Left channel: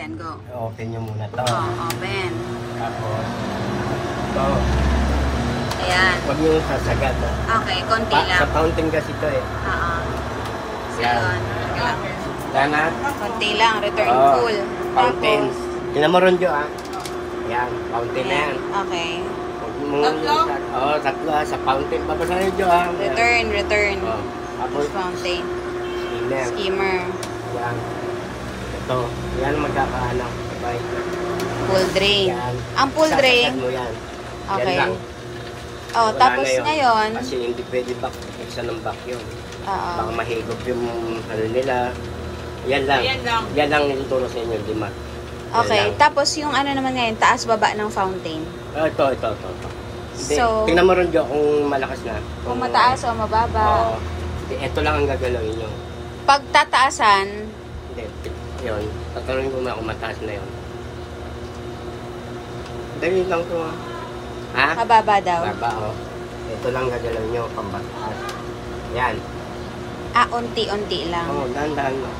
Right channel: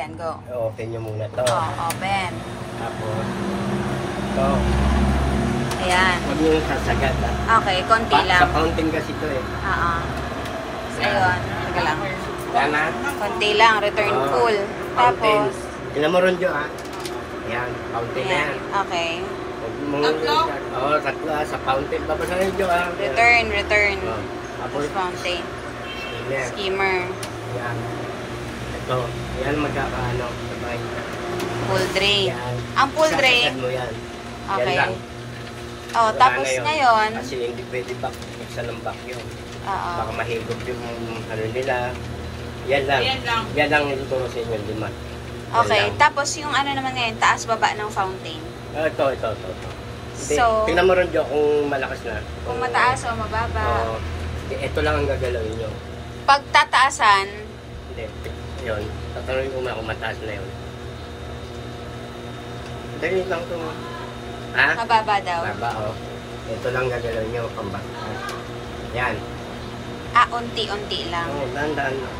Ayan, go. Open nyo muna to. Open. Tapos, ito. Ayan. Huwag nyo sasagad, ha? Okay, konti lang. Sa fountain kasi ito, eh. So, yun. Teka lang. Yan, ha? Konti lang. Return full. Fountain. Tapos, Tingnan mo ron, Jo, ha? Yan, fountain na yan. Okay. Tatlo? Oo, tatlo, ha? Sa fountain. Babasahin, Jo, ha? Return. Tapos, Tapos fountain. yan. Skimmer. Yan. Ito. Yan magkakaano. Sabay. Full drain. Yan. Ang full drain. Sasagad mo yan. Okay. Yan lang. Oh, Wala tapos na yun. ngayon. Kasi hindi pwede pa iksa ng back yun. Oo. Baka mahigop yung ano nila. Yan lang. Yan lang nilituro sa inyo, lima. Okay, tapos yung ano naman ngayon, taas baba ng fountain. Ito. Hindi, So, tingnan mo rin, Jo, kung malakas na. kung mataas o mababa. Oo. Ito lang ang gagalawin nyo. Pag tataasan, Hindi, yun. Tatanungin ko na kung mataas na yun. Dali lang ko. Ha? mababa daw. Baba, Ito lang gagalawin nyo, pambatas. Yan. Unti-unti lang. Oo, dahan-dahan mo.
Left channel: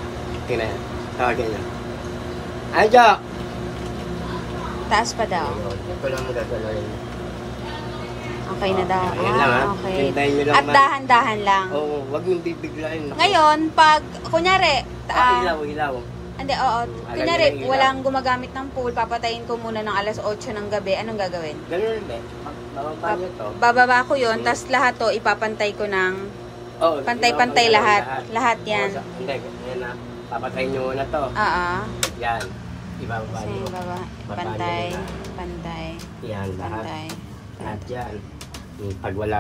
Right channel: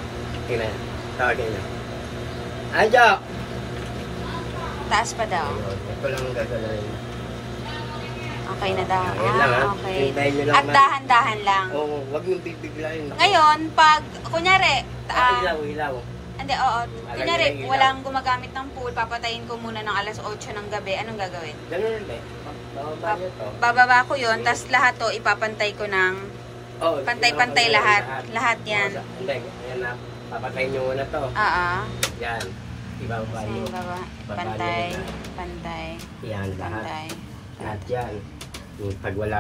Tingnan yan. Tawagin na. Jo! Taas pa daw. Ayun, ito lang ang gagalawin. Okay na daw. Ayan lang, ha? Okay. Hintayin nyo lang At dahan-dahan lang. Oo, wag yung bibiglayin. Ngayon, pag, kunyari, Ilaw. hindi, oo. Kunyari, Ilaw. walang gumagamit ng pool, papatayin ko muna ng alas 8 ng gabi. Anong gagawin? Ganun ulit. Bababa nyo to. Bababa ko yun, tapos lahat to, ipapantay ko ng Oo, pantay-pantay lahat. Lahat yan. Hindi, yan na. Papatayin nyo muna to. Yan. Ibababa So, nyo. baba. Bababa nyo Pantay. na. Yan, lahat. Pantay. Lahat yan. Pag wala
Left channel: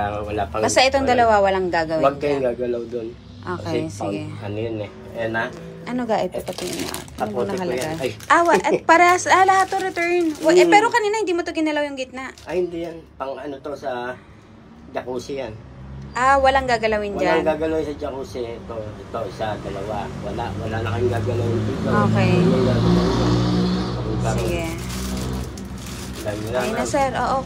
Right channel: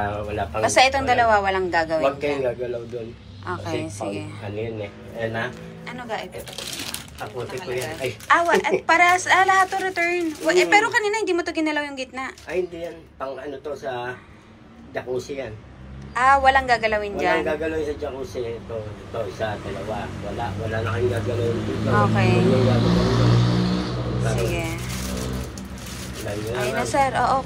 pang... Basta itong dalawa walang gagawin. Huwag kayong gagalaw doon. Okay, Kasi sige. Ano yun eh. Ayan na. Ano ga ipapatingin na? Ano Tapusin ko yan. nakalagay? Ay. At para lahat to return. Pero kanina hindi mo to ginalaw yung gitna. Ay, hindi yan. Pang ano to sa jacuzzi yan. Walang gagalawin dyan. Walang gagalawin sa jacuzzi. Ito, isa, dalawa. Wala na kayong gagalawin dito. Okay. Yun yung gagalawin. Sige. Dami lang. Ayun na sir, oo.